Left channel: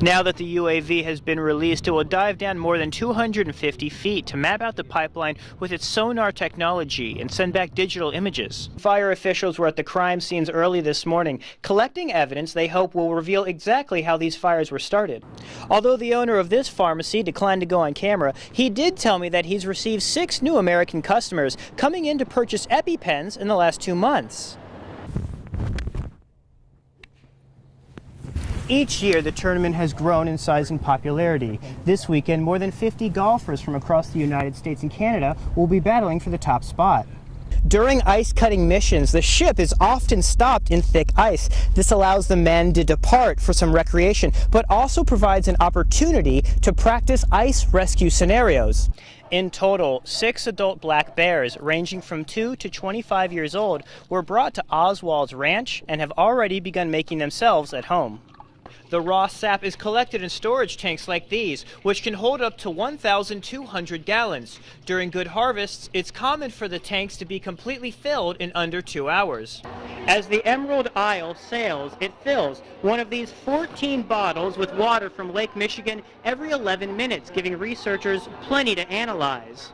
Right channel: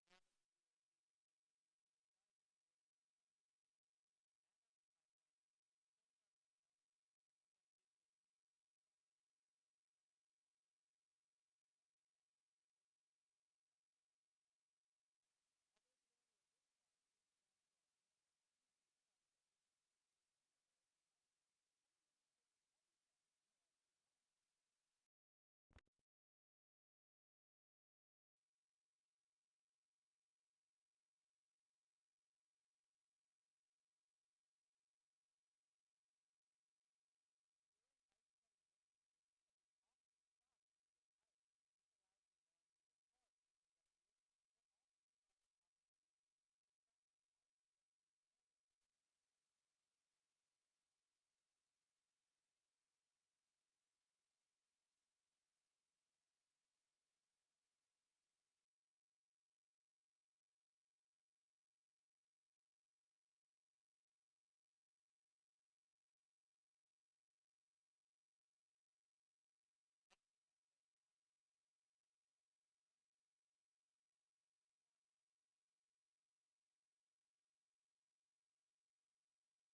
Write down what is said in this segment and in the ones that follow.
Now that the UAV has been released, it will dive down more than 250 feet to map out the pipeline with its sonar technology and send back digital images. Fire officials were at the crime scenes early this morning, collecting evidence they hope will reveal exactly how these fires were started. Although the owner of this pharmacy declined to go on camera, he did tell me that he's received 6 new American customers coming in to purchase EpiPens in the last 2 months. Each year, the tournament has grown in size and popularity. This weekend, more than 50 golfers from across the United States and Canada will be battling for the top spot. During ice-cutting missions, the ship is often stopped in thick ice. This allows the men to depart for some recreation, but also provides an opportunity to practice ice rescue scenarios. In total, 6 adult black bears, ranging from 2 to 25 years old, were brought to Oswald's Ranch and have already begun making themselves at home. The raw sap is collected in storage tanks like these, which can hold up to 1,200 gallons. During good harvests, it's common for the tanks to be completely filled in under 2 hours. As the Emerald Isle sails, it fills one of these 14 bottles with water from Lake Michigan every 11 minutes, giving researchers plenty to analyze.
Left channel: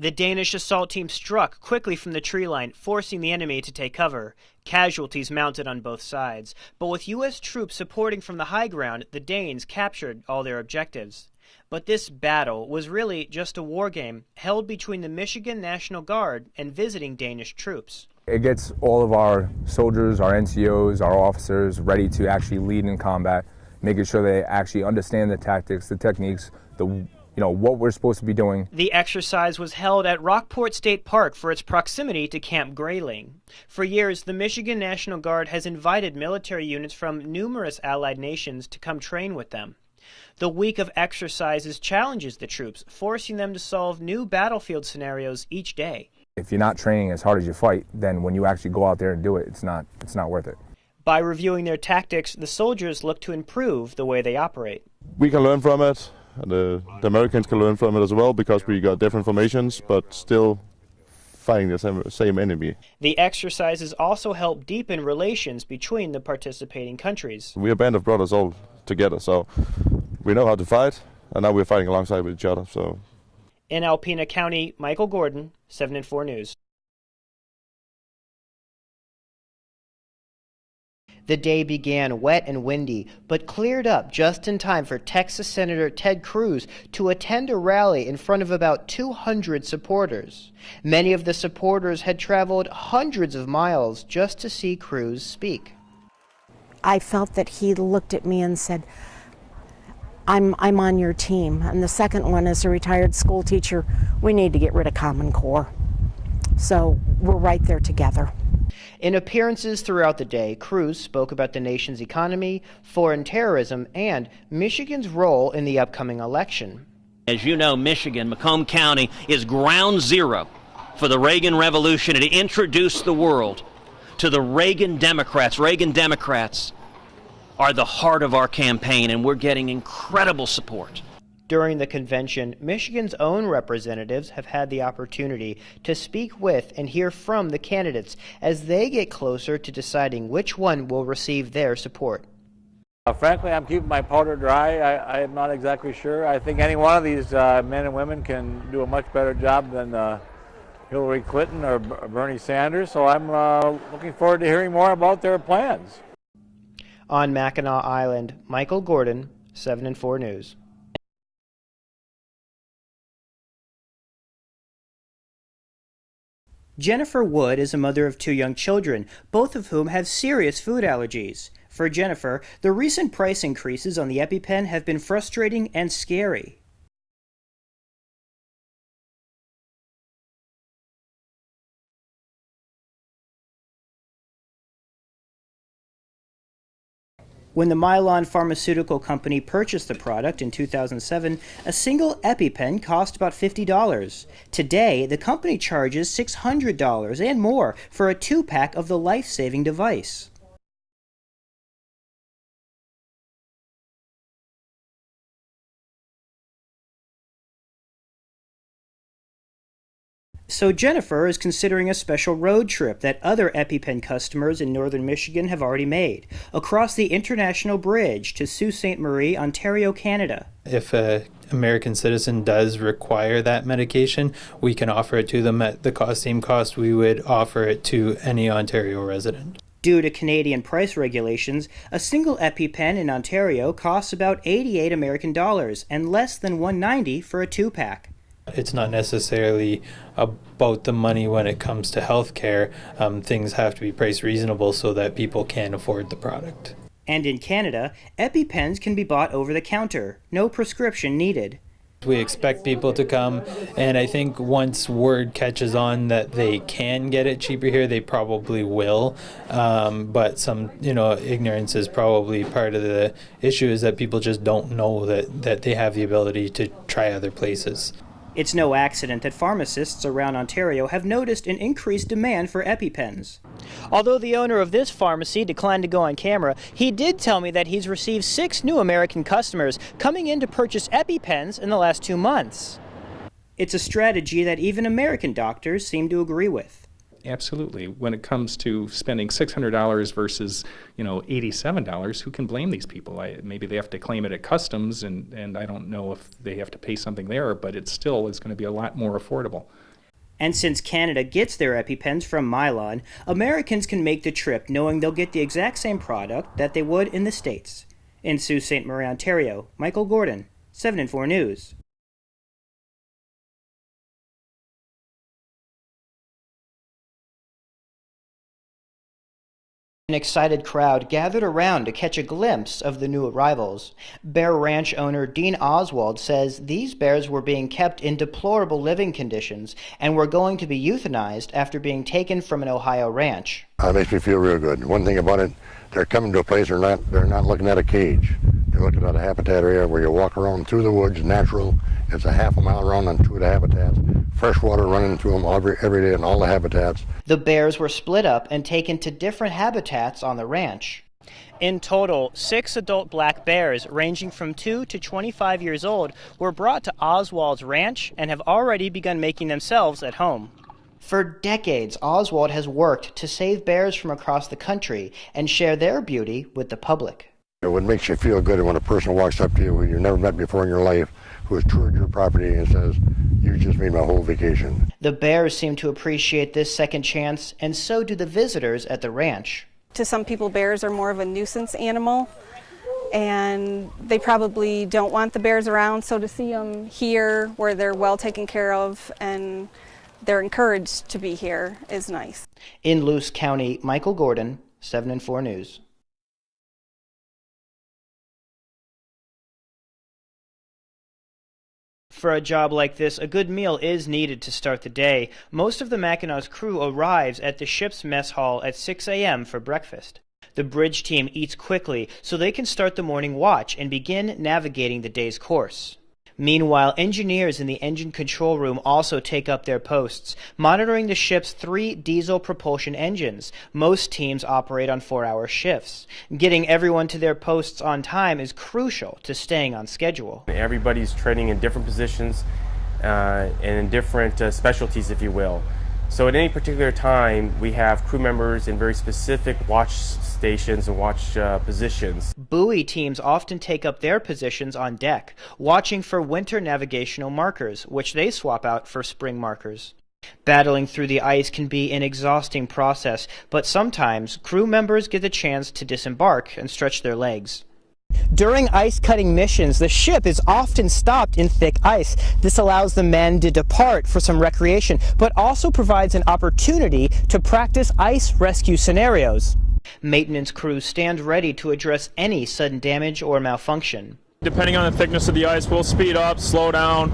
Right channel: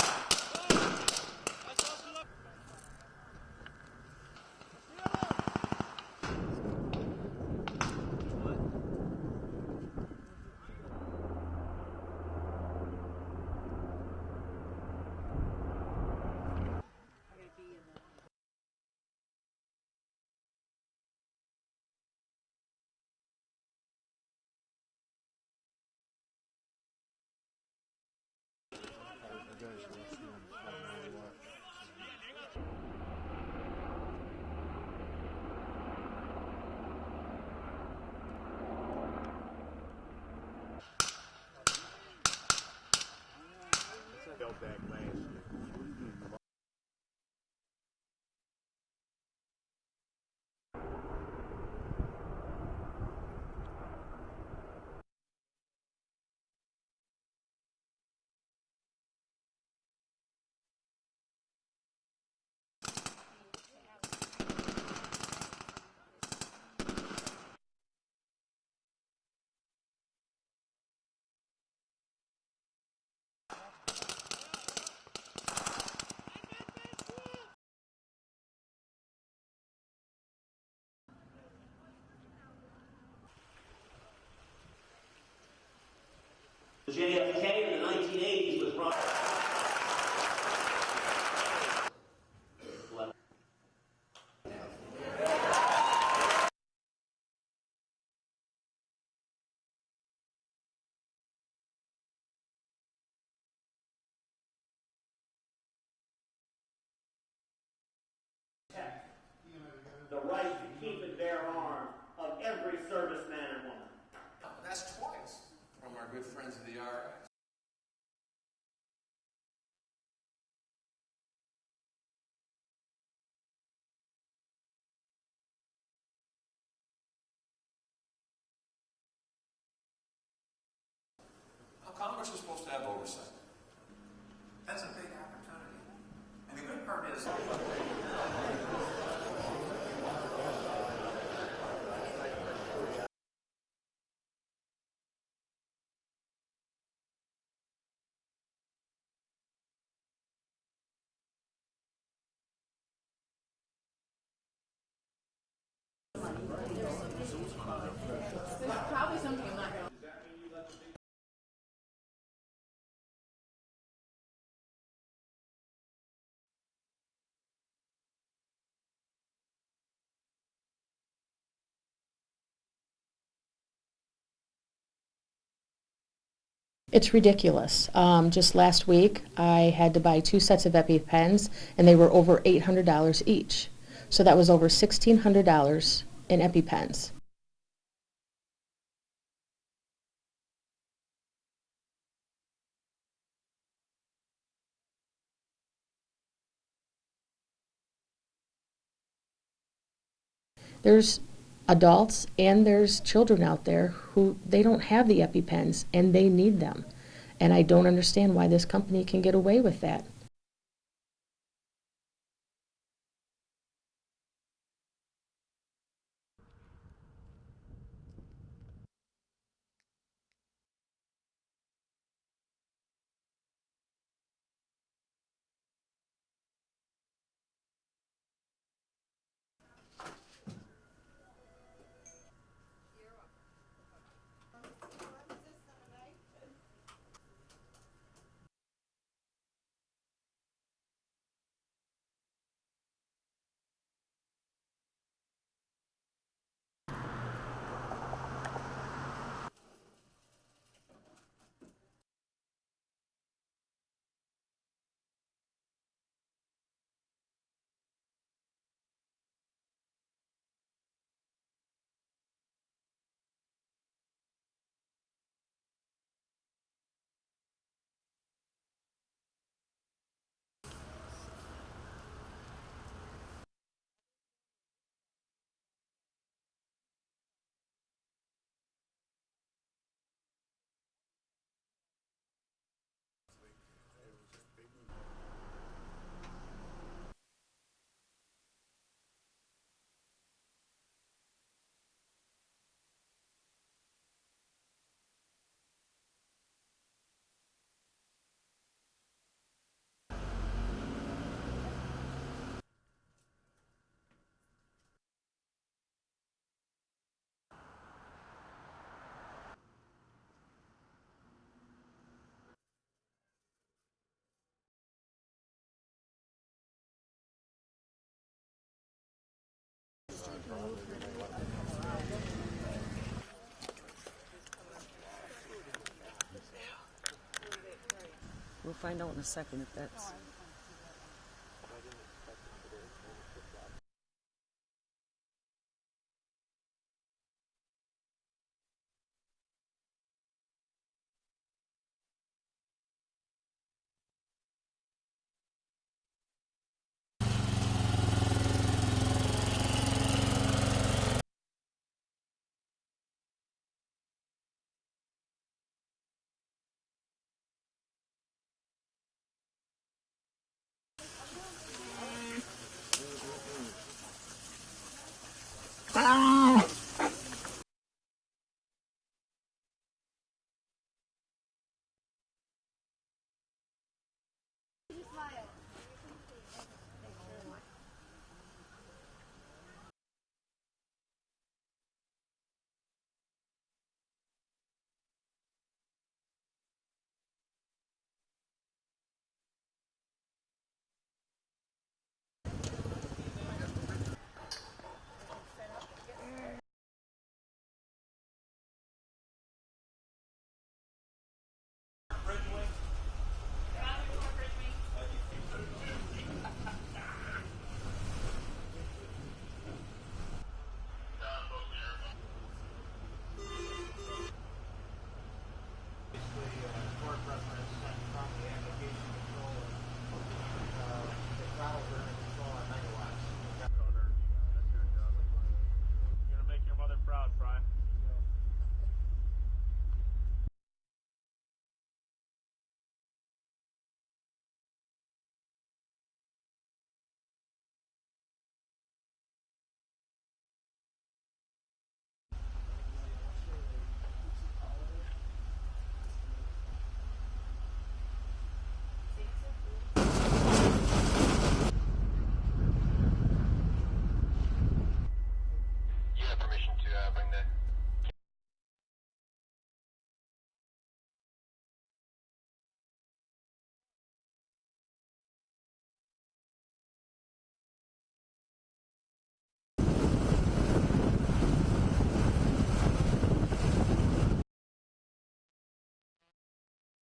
The Danish assault team struck quickly from the tree line, forcing the enemy to take cover. Casualties mounted on both sides, but with U.S. troops supporting from the high ground, the Danes captured all their objectives. But this battle was really just a war game held between the Michigan National Guard and visiting Danish troops. It gets all of our soldiers, our NCOs, our officers ready to actually lead in combat, making sure they actually understand the tactics, the techniques, what we're supposed to be doing. The exercise was held at Rockport State Park for its proximity to Camp Grayling. For years, the Michigan National Guard has invited military units from numerous allied nations to come train with them. The week of exercises challenges the troops, forcing them to solve new battlefield scenarios each day. If you're not training as hard as you fight, then when you actually go out there and do it, it's not worth it. By reviewing their tactics, the soldiers look to improve the way they operate. We can learn from it. The Americans can learn from it as well, because we got different formations, but still fighting the same enemy. The exercises also help deepen relations between the participating countries. We're a band of brothers all together, so we know how to fight, and now we're fighting alongside with each other. So, in Alpena County, Michael Gordon, 7 and 4 News. The day began wet and windy, but cleared up just in time for Texas Senator Ted Cruz to attend a rally in front of about 200 supporters. Many of the supporters had traveled hundreds of miles just to see Cruz speak. I felt that he looked at me and said, I'm on your team. And the second one, as a retired school teacher, we need to get rid of Common Core. So we're right there together. In appearances throughout the day, Cruz spoke about the nation's economy, foreign terrorism, and Michigan's role in the upcoming election. As you know, Michigan, Macomb County, is ground zero for the Reagan Revolution. It introduced the world to the Reagan Democrats. Reagan Democrats are the heart of our campaign, and we're getting incredible support. During the convention, Michigan's own representatives have had the opportunity to speak with and hear from the candidates as they get closer to deciding which one will receive their support. Frankly, I'm keeping my powder dry. I am not exactly sure. I think any one of these men and women can do a much better job than Hillary Clinton or Bernie Sanders, so I'm looking forward to hearing more about their plans. On Mackinac Island, Michael Gordon, 7 and 4 News. Jennifer Wood is a mother of 2 young children, both of whom have serious food allergies. For Jennifer, the recent price increases on the EpiPen have been frustrating and scary. It's ridiculous. Just last week, I had to buy 2 sets of EpiPens, and they were over $800 each. So that was over $1,600 in EpiPens. When the Mylan Pharmaceutical Company purchased the product in 2007, a single EpiPen cost about $50. Today, the company charges $600 and more for a 2-pack of the life-saving device. There's adults and there's children out there who they don't have the EpiPens and they need them. And I don't understand why this company can get away with that. So Jennifer is considering a special road trip that other EpiPen customers in northern Michigan have already made, across the International Bridge to Sault Ste. Marie, Ontario, Canada. If an American citizen does require that medication, we can offer it to them at the same cost we would offer it to any Ontario resident. Due to Canadian price regulations, a single EpiPen in Ontario costs about 88 American dollars and less than $1.90 for a 2-pack. It's not necessarily about the money when it comes to healthcare. Things have to be priced reasonable so that people can afford the product. And in Canada, EpiPens can be bought over the counter, no prescription needed. We expect people to come, and I think once word catches on that they can get it cheaper here, they probably will. But some, ignorance is probably part of the issue, is that people just don't know that they have the ability to try other places. It's no accident that pharmacists around Ontario have noticed an increased demand for EpiPens. Although the owner of this pharmacy declined to go on camera, he did tell me that he's received 6 new American customers coming in to purchase EpiPens in the last 2 months. It's a strategy that even American doctors seem to agree with. Absolutely. When it comes to spending $600 versus, $87, who can blame these people? Maybe they have to claim it at customs, and I don't know if they have to pay something there, but it still is going to be a lot more affordable. And since Canada gets their EpiPens from Mylan, Americans can make the trip knowing they'll get the exact same product that they would in the States. In Sault Ste. Marie, Ontario, Michael Gordon, 7 and 4 News. An excited crowd gathered around to catch a glimpse of the new arrivals. Bear Ranch owner Dean Oswald says these bears were being kept in deplorable living conditions and were going to be euthanized after being taken from an Ohio ranch. It makes me feel real good. One thing about it, they're coming to a place they're not looking at a cage. They're looking at a habitat area where you walk around through the woods, natural. It's a half a mile around on 2 of the habitats. Fresh water running through them every day in all the habitats. The bears were split up and taken to different habitats on the ranch. In total, 6 adult black bears ranging from 2 to 25 years old were brought to Oswald's ranch and have already begun making themselves at home. For decades, Oswald has worked to save bears from across the country and share their beauty with the public. What makes you feel good when a person walks up to you who you've never met before in your life, who has toured your property and says, "You just made my whole vacation." The bears seem to appreciate this second chance, and so do the visitors at the ranch. To some people, bears are more of a nuisance animal, and they probably don't want the bears around, so to see them here where they're well taken care of and they're encouraged to be here is nice. In Luce County, Michael Gordon, 7 and 4 News. For a job like this, a good meal is needed to start the day. Most of the Mackinac crew arrives at the ship's mess hall at 6 a.m. for breakfast. The bridge team eats quickly so they can start the morning watch and begin navigating the day's course. Meanwhile, engineers in the engine control room also take up their posts, monitoring the ship's 3 diesel propulsion engines. Most teams operate on 4-hour shifts. Getting everyone to their posts on time is crucial to staying on schedule. Everybody's training in different positions and in different specialties, if you will. So at any particular time, we have crew members in very specific watch stations and watch positions. Buoy teams often take up their positions on deck, watching for winter navigational markers, which they swap out for spring markers. Battling through the ice can be an exhausting process, but sometimes crew members get the chance to disembark and stretch their legs. During ice-cutting missions, the ship is often stopped in thick ice. This allows the men to depart for some recreation, but also provides an opportunity to practice ice rescue scenarios. Maintenance crews stand ready to address any sudden damage or malfunction. Depending on the thickness of the ice, we'll speed up, slow down.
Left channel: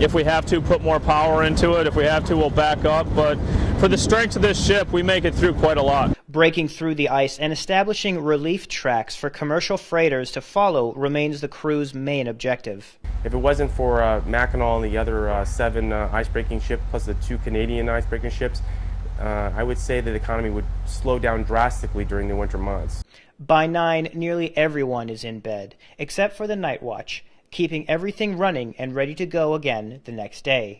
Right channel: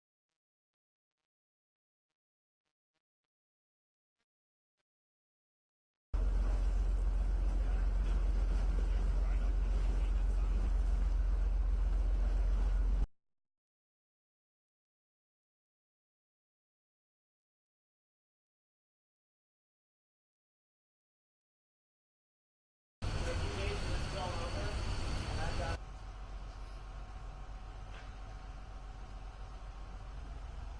If we have to, put more power into it. If we have to, we'll back up. But for the strength of this ship, we make it through quite a lot. Breaking through the ice and establishing relief tracks for commercial freighters to follow remains the crew's main objective. If it wasn't for Mackinac and the other 7 ice-breaking ships, plus the 2 Canadian ice-breaking ships, I would say that the economy would slow down drastically during the winter months. By 9, nearly everyone is in bed, except for the night watch, keeping everything running and ready to go again the next day.